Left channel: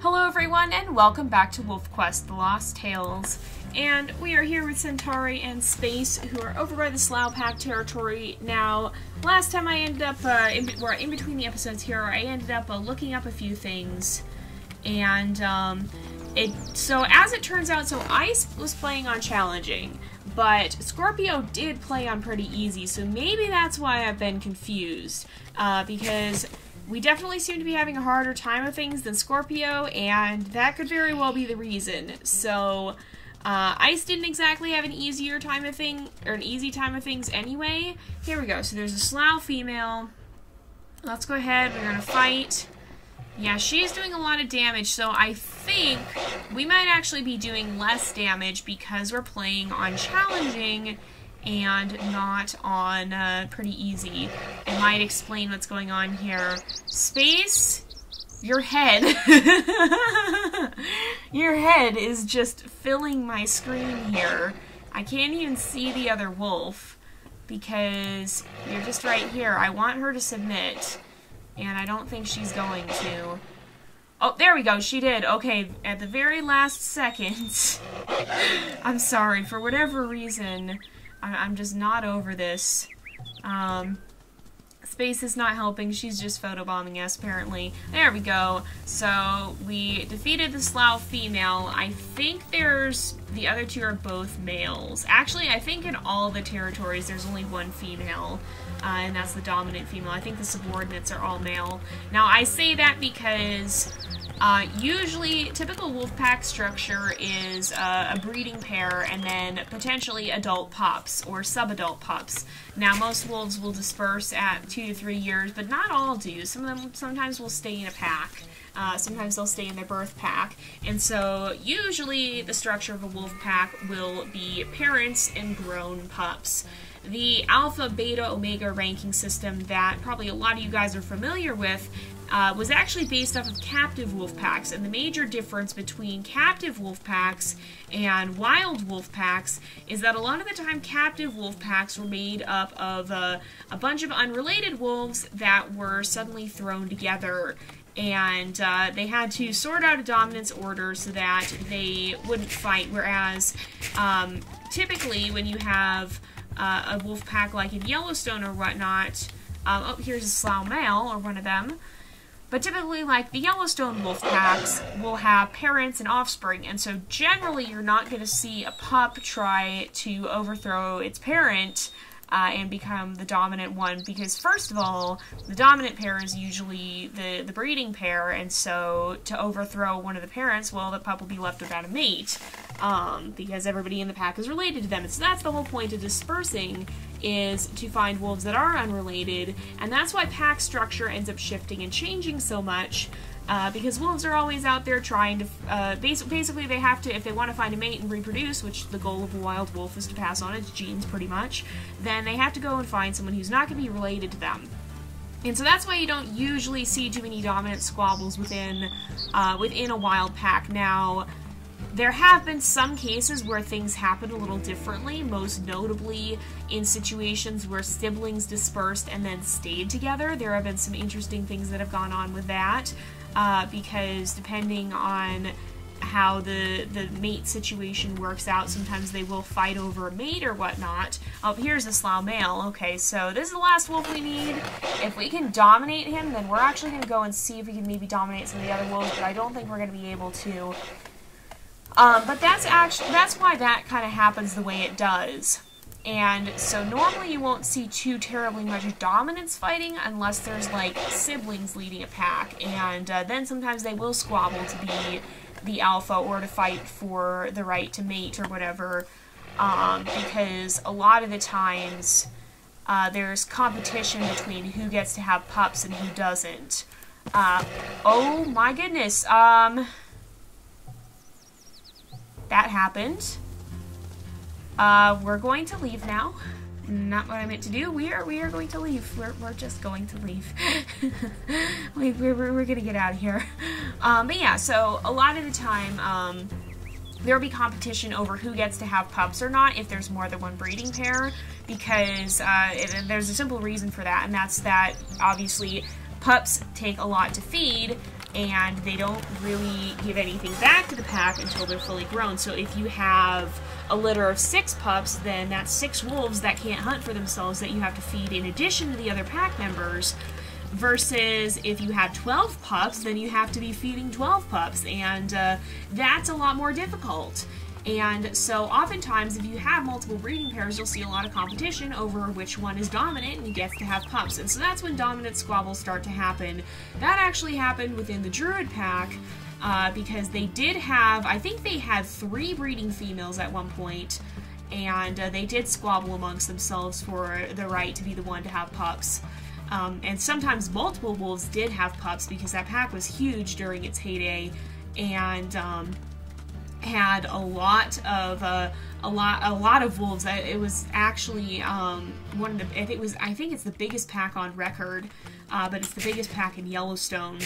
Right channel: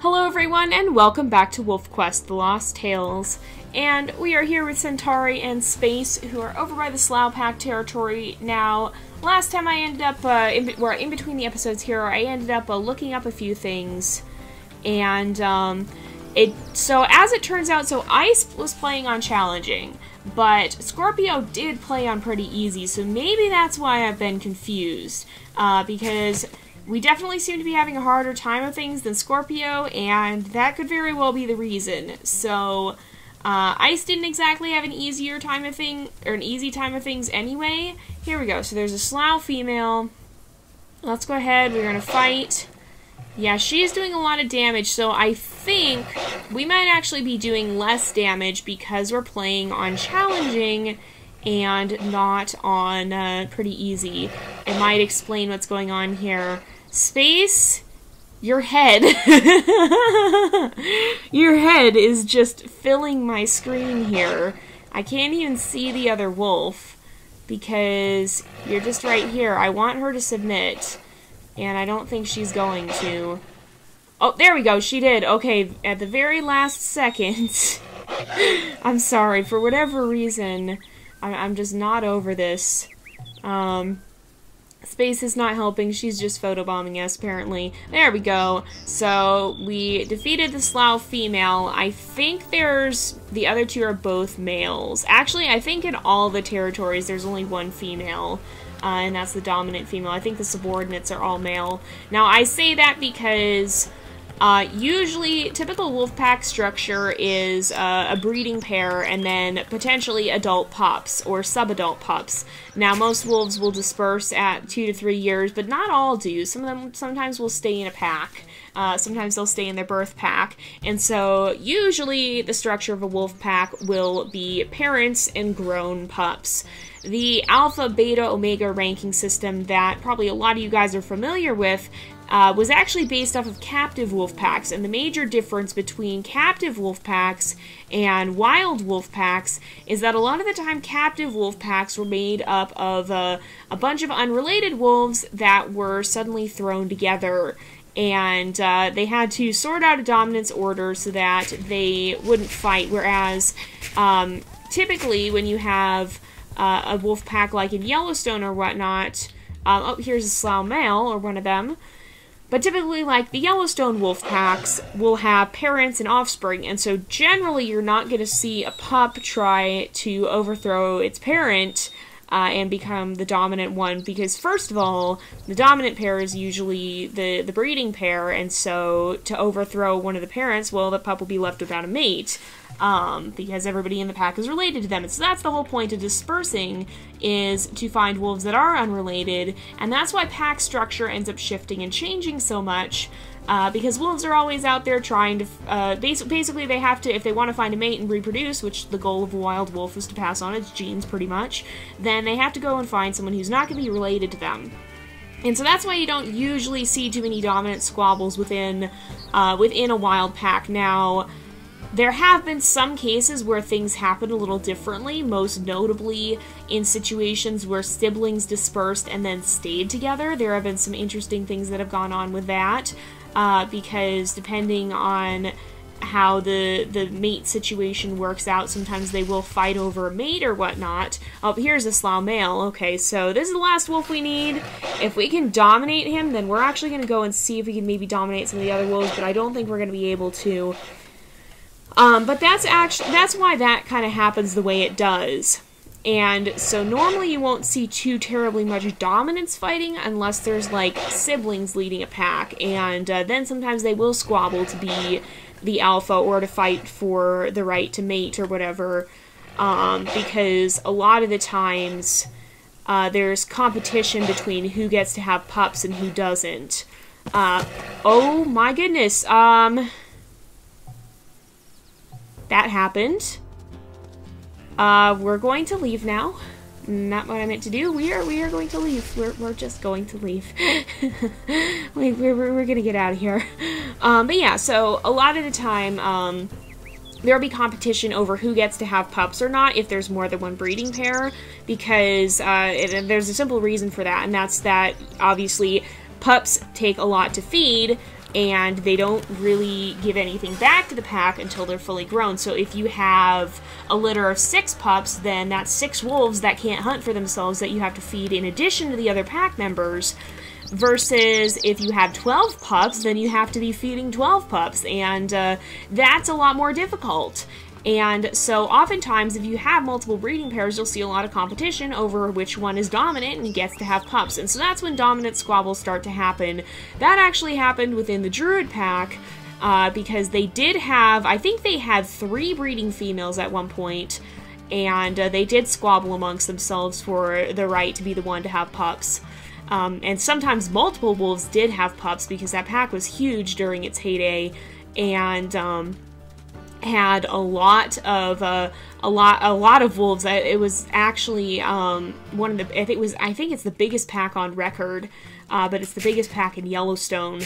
Hello everyone, and welcome back to WolfQuest, The Lost Tales. And we are here with Centauri and Space, who are over by the Slough Pack territory. Now, last time I ended up, in between the episodes here, I ended up looking up a few things. And, so as it turns out, so Ice was playing on challenging, but Scorpio did play on pretty easy, so maybe that's why I've been confused. Because we definitely seem to be having a harder time of things than Scorpio, and that could very well be the reason. So, Ice didn't exactly have an easier time of an easy time of things anyway. Here we go. So there's a Slough female. Let's go ahead. We're gonna fight. Yeah, she's doing a lot of damage, so I think we might actually be doing less damage because we're playing on challenging and not on pretty easy. It might explain what's going on here. Space, your head. Your head is just filling my screen here. I can't even see the other wolf because you're just right here. I want her to submit, and I don't think she's going to. Oh, there we go, she did. Okay, at the very last second. I'm sorry, for whatever reason, I'm just not over this. Space is not helping. She's just photobombing us, apparently. There we go. So, we defeated the Slough female. I think the other two are both males. Actually, I think in all the territories there's only one female. And that's the dominant female. I think the subordinates are all male. Now, I say that because usually, typical wolf pack structure is a breeding pair and then potentially adult pups or sub-adult pups. Now, most wolves will disperse at 2 to 3 years, but not all do. Some of them sometimes will stay in a pack. Sometimes they'll stay in their birth pack. And so, usually, the structure of a wolf pack will be parents and grown pups. The alpha, beta, omega ranking system that probably a lot of you guys are familiar with was actually based off of captive wolf packs, and the major difference between captive wolf packs and wild wolf packs is that a lot of the time captive wolf packs were made up of a bunch of unrelated wolves that were suddenly thrown together, and they had to sort out a dominance order so that they wouldn't fight, whereas typically when you have a wolf pack like in Yellowstone or whatnot, oh, here's a Slough male, or one of them. But typically, like, the Yellowstone wolf packs will have parents and offspring, and so generally you're not going to see a pup try to overthrow its parent and become the dominant one, because first of all, the dominant pair is usually the breeding pair, and so to overthrow one of the parents, well, the pup will be left without a mate. Because everybody in the pack is related to them. And so that's the whole point of dispersing, is to find wolves that are unrelated, and that's why pack structure ends up shifting and changing so much, because wolves are always out there trying to, basically they have to, if they want to find a mate and reproduce, which the goal of a wild wolf is to pass on its genes pretty much, then they have to go and find someone who's not going to be related to them. And so that's why you don't usually see too many dominant squabbles within a wild pack. Now, there have been some cases where things happen a little differently, most notably in situations where siblings dispersed and then stayed together. There have been some interesting things that have gone on with that, because depending on how the mate situation works out, sometimes they will fight over a mate or whatnot. Oh, here's a Slough male. Okay, so this is the last wolf we need. If we can dominate him, then we're actually going to go and see if we can maybe dominate some of the other wolves, but I don't think we're going to be able to. But that's why that kind of happens the way it does. And so normally you won't see too terribly much dominance fighting unless there's, like, siblings leading a pack, and then sometimes they will squabble to be the alpha or to fight for the right to mate or whatever, because a lot of the times there's competition between who gets to have pups and who doesn't. Oh my goodness, that happened. We're going to leave now. Not what I meant to do. We are going to leave. We're just going to leave. we're gonna get out of here. But yeah, so a lot of the time, there'll be competition over who gets to have pups or not if there's more than one breeding pair, because there's a simple reason for that, and that's that obviously pups take a lot to feed, and they don't really give anything back to the pack until they're fully grown. So if you have a litter of 6 pups, then that's 6 wolves that can't hunt for themselves that you have to feed in addition to the other pack members, versus if you have 12 pups, then you have to be feeding 12 pups, and that's a lot more difficult. And so oftentimes, if you have multiple breeding pairs, you'll see a lot of competition over which one is dominant and gets to have pups. And so that's when dominant squabbles start to happen. That actually happened within the Druid pack, because they did have, I think they had 3 breeding females at one point, and they did squabble amongst themselves for the right to be the one to have pups. And sometimes multiple wolves did have pups because that pack was huge during its heyday, and had a lot of wolves. It was actually one of the, I think it's the biggest pack on record, but it's the biggest pack in Yellowstone.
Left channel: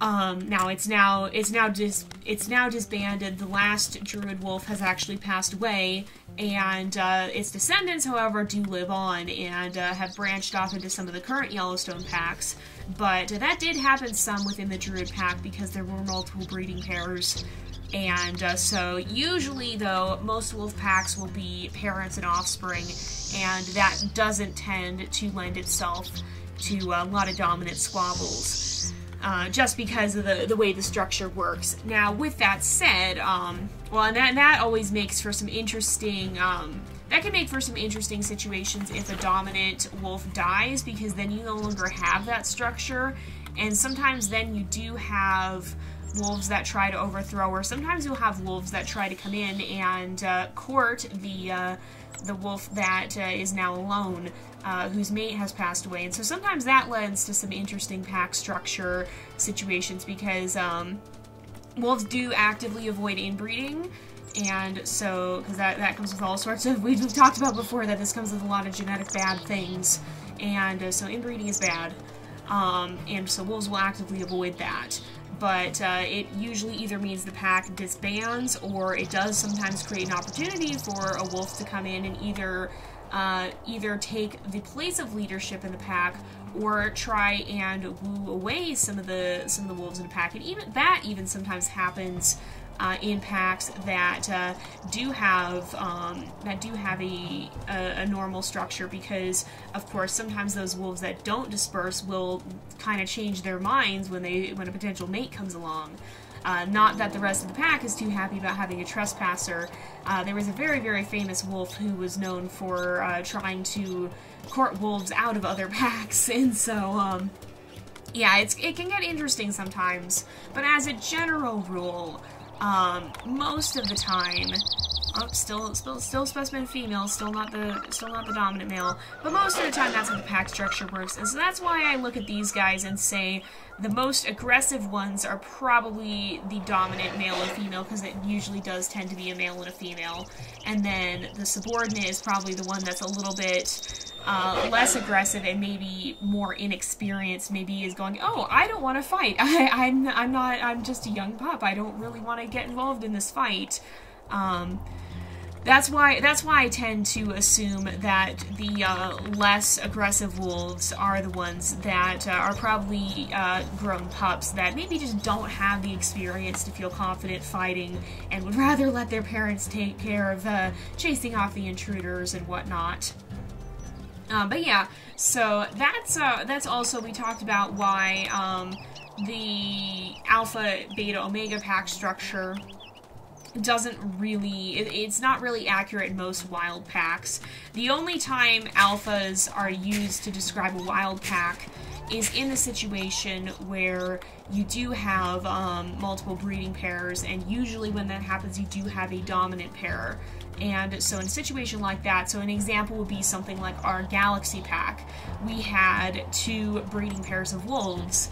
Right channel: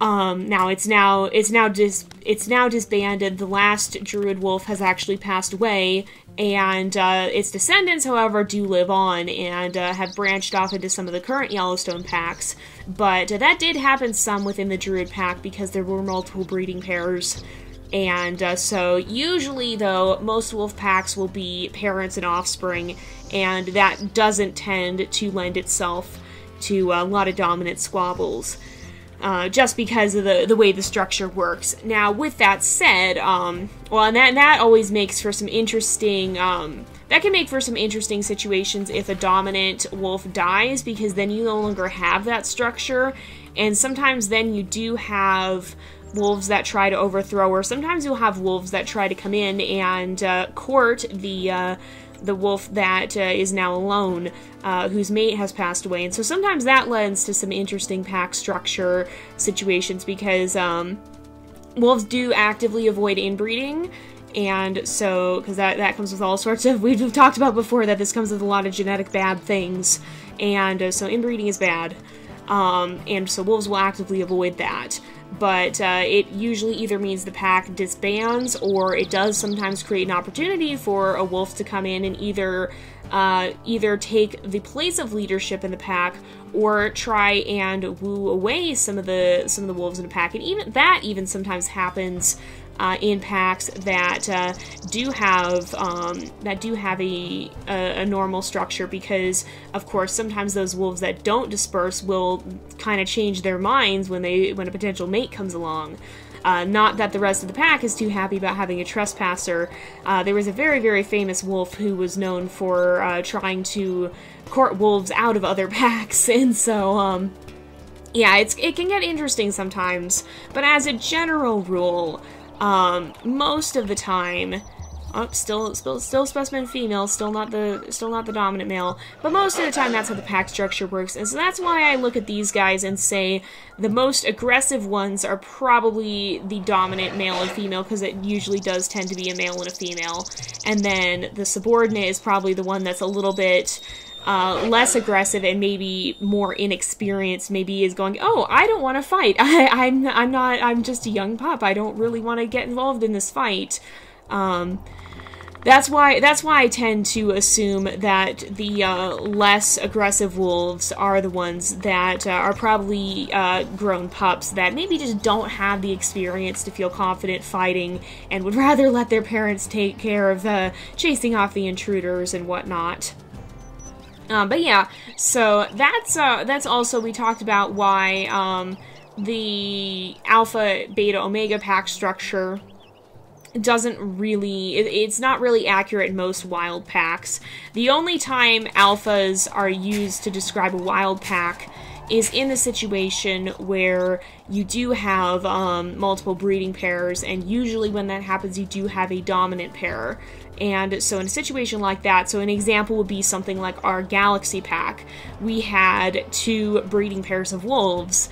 Now it's now disbanded. The last Druid wolf has actually passed away, and its descendants, however, do live on and have branched off into some of the current Yellowstone packs. But that did happen some within the Druid pack because there were multiple breeding pairs. And so usually, though, most wolf packs will be parents and offspring, and that doesn't tend to lend itself to a lot of dominant squabbles, just because of the way the structure works. Now, with that said, and that always makes for some interesting, that can make for some interesting situations if a dominant wolf dies, because then you no longer have that structure, and sometimes then you do have wolves that try to overthrow, or sometimes you'll have wolves that try to come in and court the wolf that is now alone, whose mate has passed away. And so sometimes that lends to some interesting pack structure situations, because wolves do actively avoid inbreeding, and so, because that comes with all sorts of, we've talked about before that this comes with a lot of genetic bad things, and so inbreeding is bad, and so wolves will actively avoid that. But it usually either means the pack disbands, or it does sometimes create an opportunity for a wolf to come in and either take the place of leadership in the pack, or try and woo away some of the wolves in the pack. And even sometimes happens in packs that do have a normal structure, because of course sometimes those wolves that don't disperse will kind of change their minds when a potential mate comes along. Not that the rest of the pack is too happy about having a trespasser. There was a very, very famous wolf who was known for trying to court wolves out of other packs, and so yeah, it can get interesting sometimes. But as a general rule, most of the time, still specimen female, still not the dominant male, but most of the time that's how the pack structure works. And so that's why I look at these guys and say the most aggressive ones are probably the dominant male and female, because it usually does tend to be a male and a female. And then the subordinate is probably the one that's a little bit less aggressive and maybe more inexperienced, maybe is going, oh, I don't want to fight. I'm just a young pup. I don't really want to get involved in this fight. That's why I tend to assume that the less aggressive wolves are the ones that are probably grown pups that maybe just don't have the experience to feel confident fighting, and would rather let their parents take care of chasing off the intruders and whatnot. But yeah, so that's also, we talked about why the Alpha, Beta, Omega pack structure doesn't really, it's not really accurate in most wild packs. The only time alphas are used to describe a wild pack is in the situation where you do have multiple breeding pairs, and usually when that happens you do have a dominant pair. And so in a situation like that, so an example would be something like our Galaxy pack. We had 2 breeding pairs of wolves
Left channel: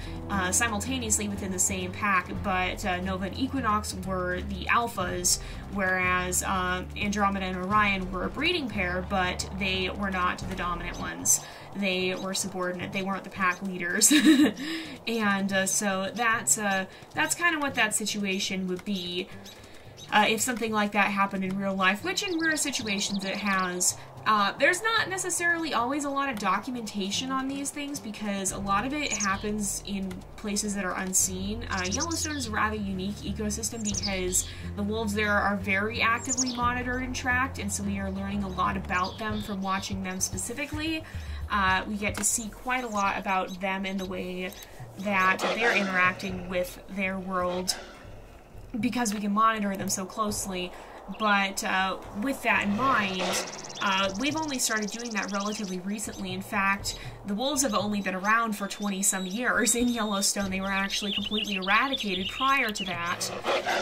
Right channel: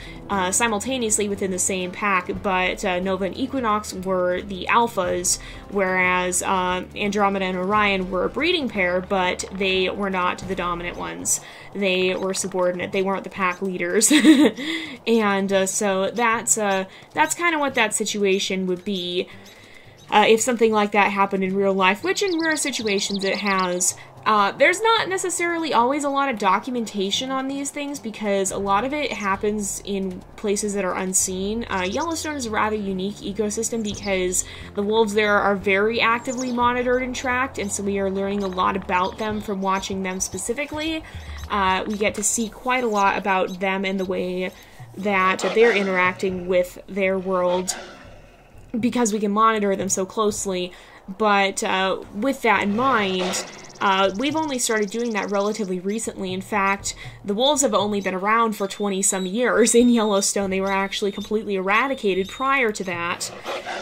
simultaneously within the same pack, but Nova and Equinox were the alphas, whereas Andromeda and Orion were a breeding pair, but they were not the dominant ones. They were subordinate. They weren't the pack leaders. And so that's kind of what that situation would be. If something like that happened in real life, which in rare situations it has, There's not necessarily always a lot of documentation on these things because a lot of it happens in places that are unseen. Yellowstone is a rather unique ecosystem because the wolves there are very actively monitored and tracked, and so we are learning a lot about them from watching them specifically. We get to see quite a lot about them and the way that they're interacting with their world because we can monitor them so closely. But with that in mind, we've only started doing that relatively recently. In fact, the wolves have only been around for 20-some years in Yellowstone. They were actually completely eradicated prior to that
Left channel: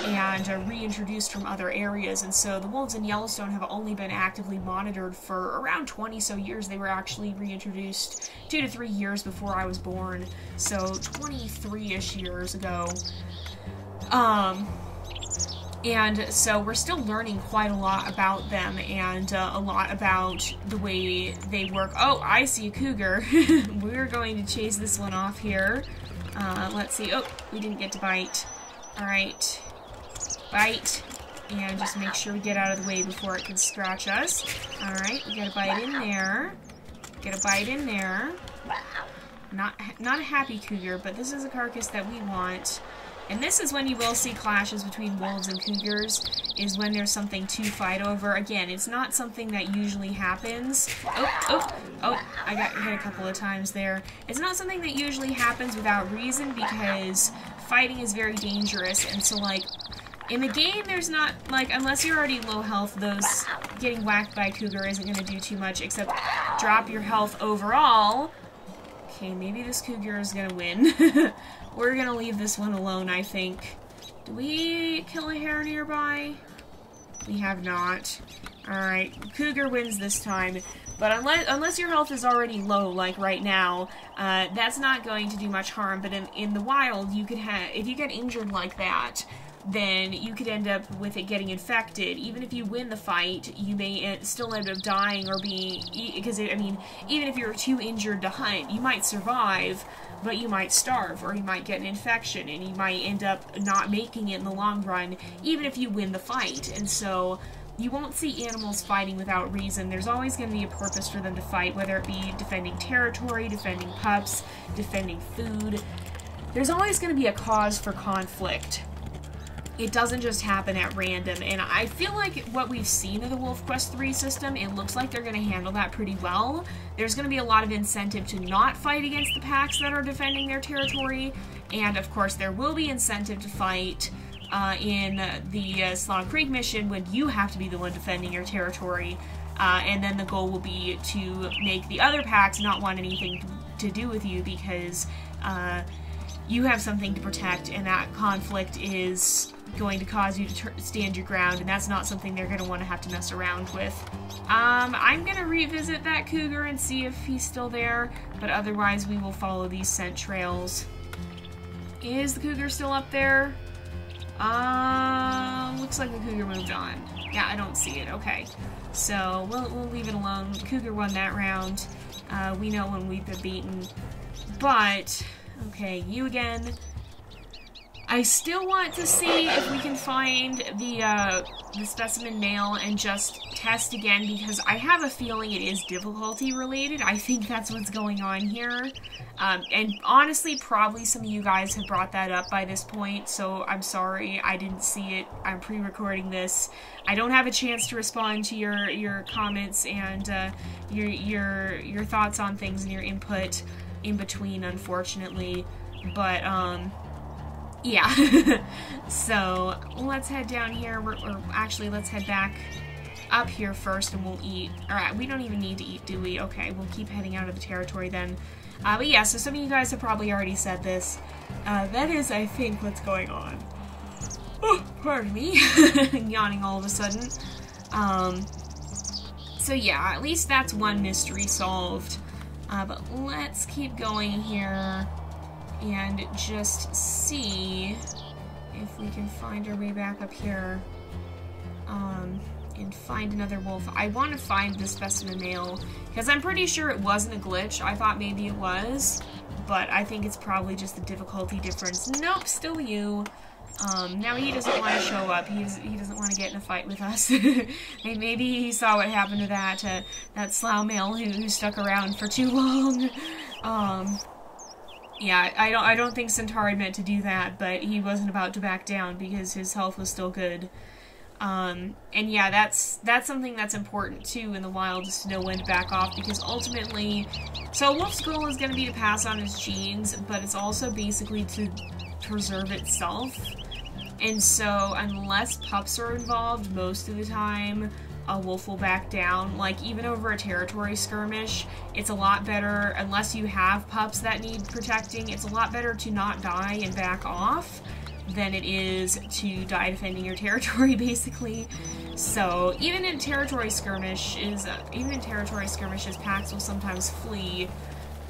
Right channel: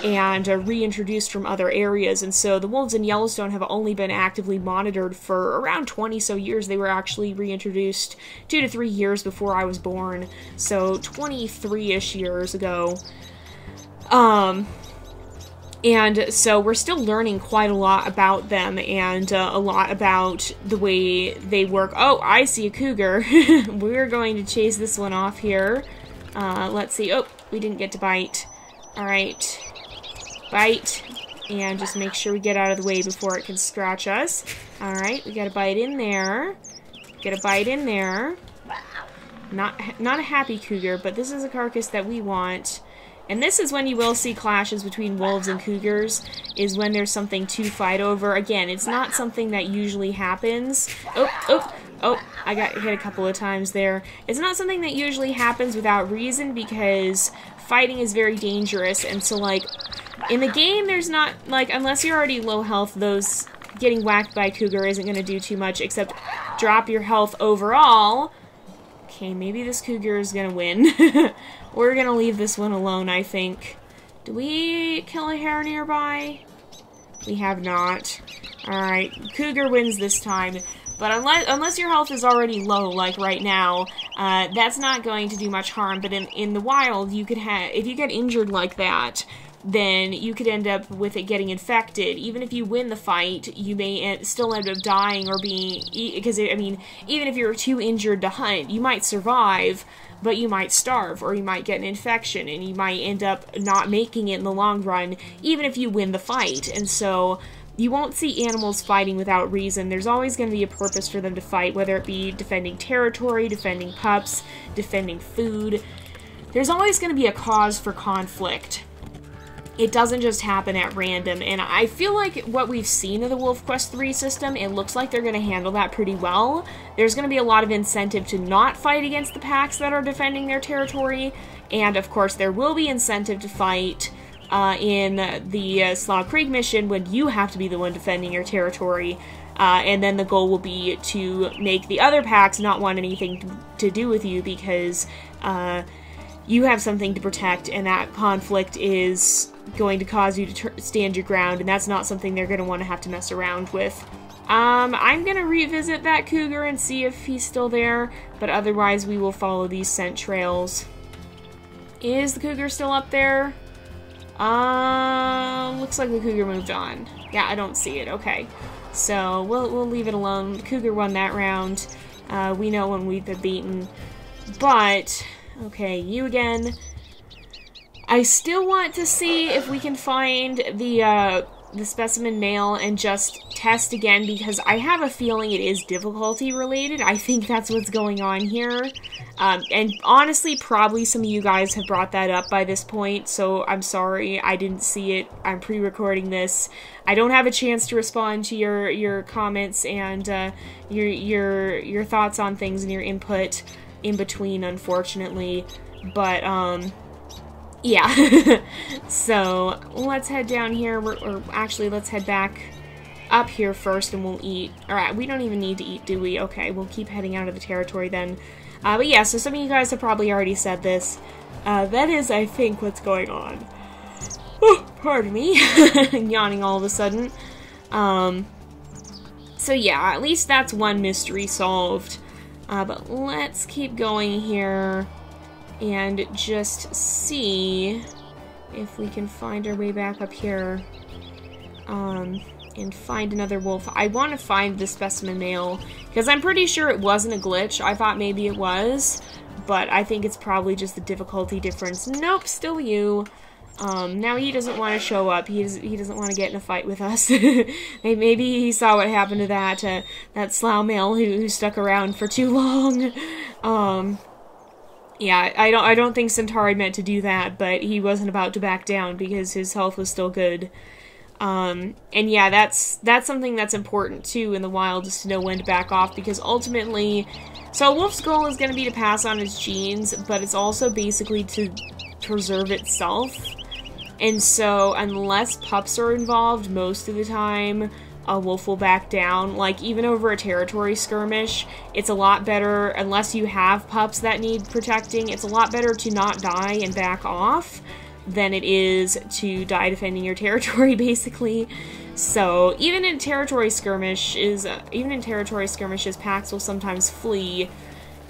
and reintroduced from other areas. And so the wolves in Yellowstone have only been actively monitored for around 20-so years. They were actually reintroduced 2 to 3 years before I was born, so 23-ish years ago. And so we're still learning quite a lot about them and a lot about the way they work. Oh, I see a cougar. We're going to chase this one off here. Let's see. Oh, we didn't get to bite. Alright. Bite. And just make sure we get out of the way before it can scratch us. Alright, we got a bite in there. Get a bite in there. Not a happy cougar, but this is a carcass that we want. And this is when you will see clashes between wolves and cougars, is when there's something to fight over. Again, it's not something that usually happens. Oh, I got hit a couple of times there. It's not something that usually happens without reason because fighting is very dangerous. And so, like, in the game, there's not, like, unless you're already low health, those getting whacked by a cougar isn't going to do too much except drop your health overall. Okay, maybe this cougar is going to win. We're gonna leave this one alone, I think. Do we kill a hare nearby? We have not. Alright, cougar wins this time. But unless your health is already low, like right now, that's not going to do much harm. But in the wild, you could have, if you get injured like that, then you could end up with it getting infected. Even if you win the fight, you may still end up dying or being, because I mean, even if you're too injured to hunt, you might survive, but you might starve, or you might get an infection, and you might end up not making it in the long run, even if you win the fight. And so, you won't see animals fighting without reason. There's always going to be a purpose for them to fight, whether it be defending territory, defending pups, defending food. There's always going to be a cause for conflict. It doesn't just happen at random, and I feel like what we've seen of the WolfQuest 3 system, it looks like they're going to handle that pretty well. There's going to be a lot of incentive to not fight against the packs that are defending their territory, and of course there will be incentive to fight in the Slog Creek mission when you have to be the one defending your territory, and then the goal will be to make the other packs not want anything to do with you because you have something to protect, and that conflict is going to cause you to stand your ground, and that's not something they're going to want to have to mess around with. I'm going to revisit that cougar and see if he's still there, but otherwise we will follow these scent trails. Is the cougar still up there? Looks like the cougar moved on. Yeah, I don't see it. Okay. So, we'll leave it alone. The cougar won that round. We know when we've been beaten. But, okay, you again. I still want to see if we can find the specimen male and just test again, because I have a feeling it is difficulty related. I think that's what's going on here. And honestly, probably some of you guys have brought that up by this point, so I'm sorry, I didn't see it. I'm pre-recording this. I don't have a chance to respond to your comments and your thoughts on things and your input in between, unfortunately. But, yeah. So, let's head down here, or actually, let's head back up here first and we'll eat. Alright, we don't even need to eat, do we? Okay, we'll keep heading out of the territory then. But yeah, so some of you guys have probably already said this. That is, I think, what's going on. Oh, pardon me. Yawning all of a sudden. So yeah, at least that's one mystery solved. But let's keep going here and just see if we can find our way back up here. And find another wolf. I want to find the specimen male, because I'm pretty sure it wasn't a glitch. I thought maybe it was, but I think it's probably just the difficulty difference. Nope, still you. Now he doesn't want to show up. He doesn't want to get in a fight with us. Maybe he saw what happened to that slough male who stuck around for too long. Yeah, I don't think Centauri meant to do that, but he wasn't about to back down because his health was still good. And yeah, that's something that's important too in the wild, is to know when to back off, because ultimately, so a wolf's goal is going to be to pass on its genes, but it's also basically to preserve itself. And so, unless pups are involved, most of the time, a wolf will back down. Like, even over a territory skirmish, it's a lot better, unless you have pups that need protecting, it's a lot better to not die and back off than it is to die defending your territory, basically. So, even in territory skirmishes, packs will sometimes flee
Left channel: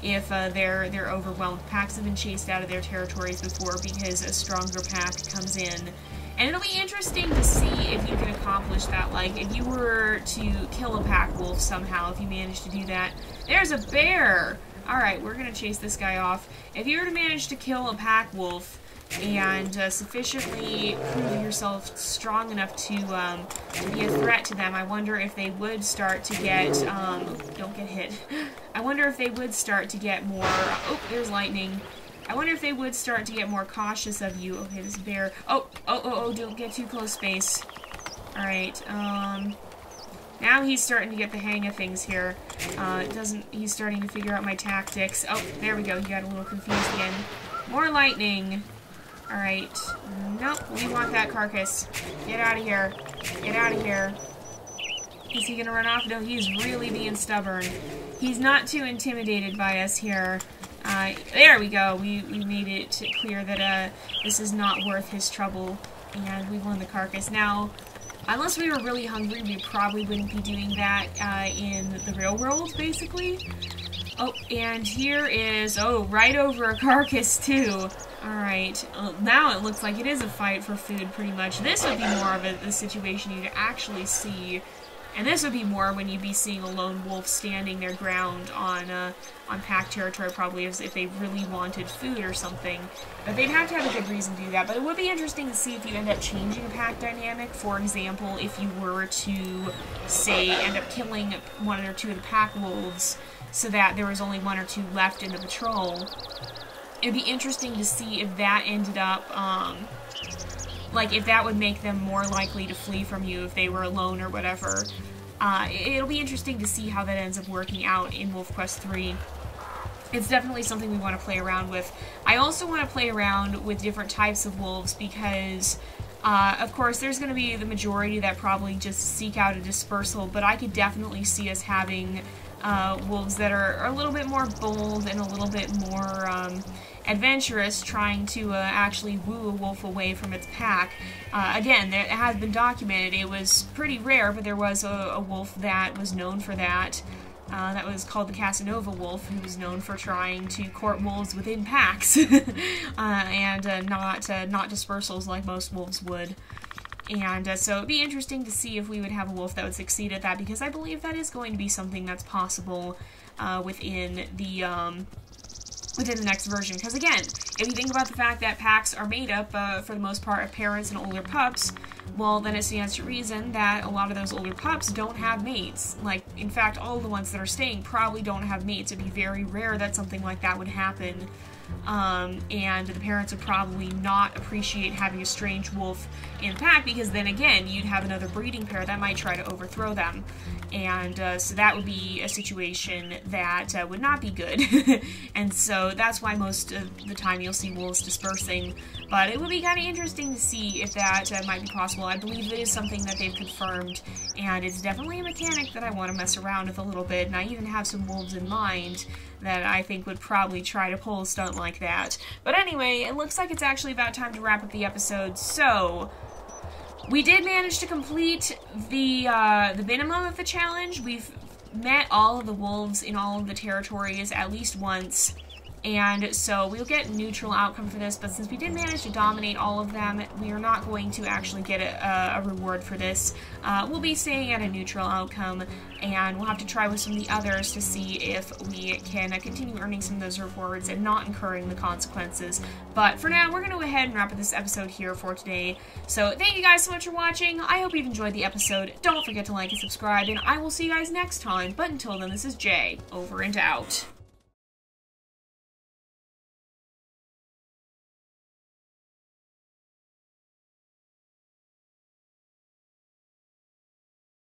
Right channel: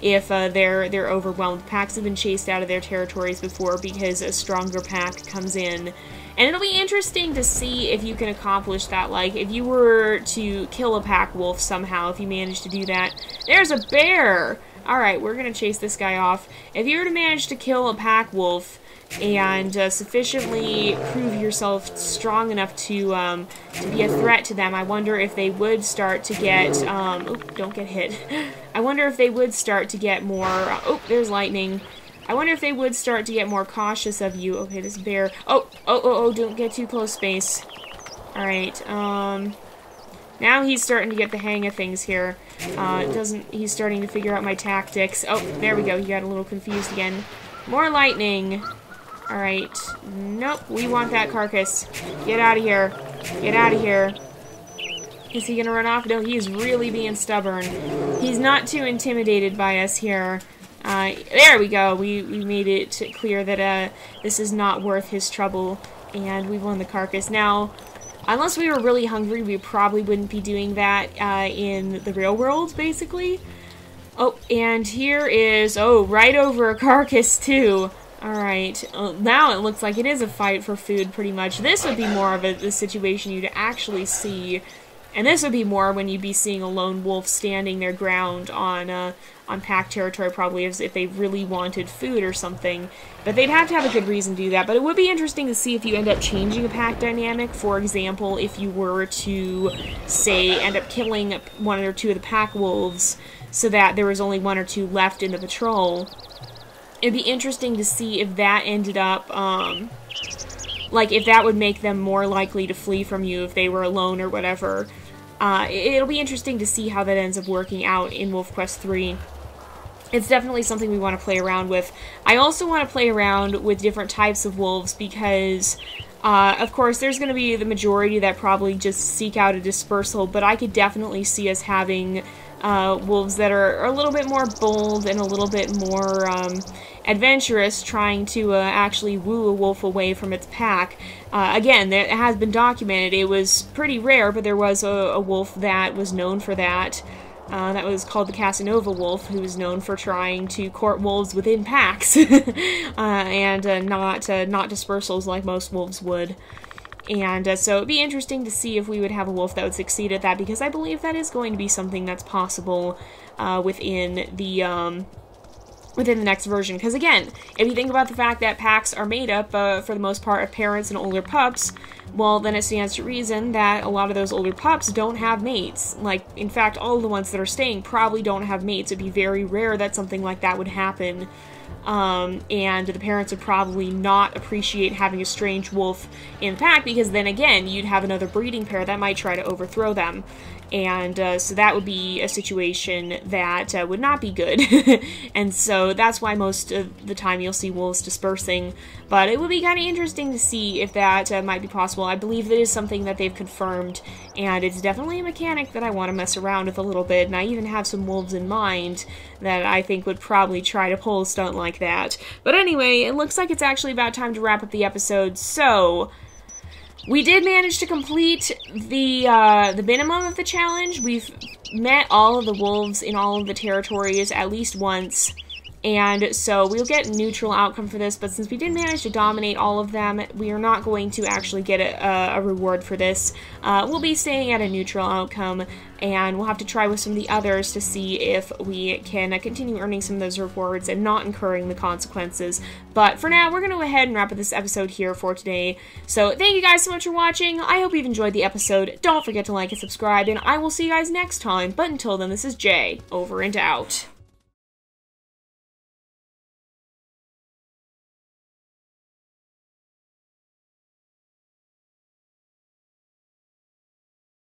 if they're overwhelmed. Packs have been chased out of their territories before because a stronger pack comes in. And it'll be interesting to see if you can accomplish that. Like, if you were to kill a pack wolf somehow, if you manage to do that. There's a bear! Alright, we're gonna chase this guy off. If you were to manage to kill a pack wolf and sufficiently prove yourself strong enough to be a threat to them, I wonder if they would start to get, don't get hit. I wonder if they would start to get more, oh, there's lightning. I wonder if they would start to get more cautious of you. Okay, this bear, oh, don't get too close, space. Alright, now he's starting to get the hang of things here. He's starting to figure out my tactics. Oh, there we go, he got a little confused again. More lightning. Alright. Nope, we want that carcass. Get out of here. Get out of here. Is he gonna run off? No, he's really being stubborn. He's not too intimidated by us here. There we go. We made it clear that this is not worth his trouble, and we won the carcass. Now, unless we were really hungry, we probably wouldn't be doing that in the real world, basically. Oh, and here is, oh, right over a carcass, too. Alright, now it looks like it is a fight for food, pretty much. This would be more of a situation you'd actually see, and this would be more when you'd be seeing a lone wolf standing their ground on pack territory, probably, as if they really wanted food or something. But they'd have to have a good reason to do that. But it would be interesting to see if you end up changing a pack dynamic. For example, if you were to, say, end up killing one or two of the pack wolves, so that there was only one or two left in the patrol. It'd be interesting to see if that ended up, like, if that would make them more likely to flee from you if they were alone or whatever. It'll be interesting to see how that ends up working out in WolfQuest 3. It's definitely something we want to play around with. I also want to play around with different types of wolves because, of course, there's going to be the majority that probably just seek out a dispersal, but I could definitely see us having wolves that are a little bit more bold and a little bit more adventurous, trying to actually woo a wolf away from its pack. Again, it has been documented. It was pretty rare, but there was a wolf that was known for that. That was called the Casanova wolf, who was known for trying to court wolves within packs, and not dispersals like most wolves would. And so it'd be interesting to see if we would have a wolf that would succeed at that, because I believe that is going to be something that's possible within the next version. Because again, if you think about the fact that packs are made up, for the most part, of parents and older pups, well, then it stands to reason that a lot of those older pups don't have mates. Like, in fact, all of the ones that are staying probably don't have mates. It'd be very rare that something like that would happen. And the parents would probably not appreciate having a strange wolf in the pack, because then again, you'd have another breeding pair that might try to overthrow them. And so that would be a situation that would not be good. And so that's why most of the time you'll see wolves dispersing. But it would be kind of interesting to see if that might be possible. I believe it is something that they've confirmed, and it's definitely a mechanic that I want to mess around with a little bit. And I even have some wolves in mind that I think would probably try to pull a stunt like that. But anyway, it looks like it's actually about time to wrap up the episode, so we did manage to complete the minimum of the challenge. We've met all of the wolves in all of the territories at least once, and so we'll get neutral outcome for this, but since we did manage to dominate all of them, we are not going to actually get a reward for this. We'll be staying at a neutral outcome, and we'll have to try with some of the others to see if we can continue earning some of those rewards and not incurring the consequences. But for now, we're going to go ahead and wrap up this episode here for today. So thank you guys so much for watching. I hope you've enjoyed the episode. Don't forget to like and subscribe, and I will see you guys next time. But until then, this is Jay, over and out.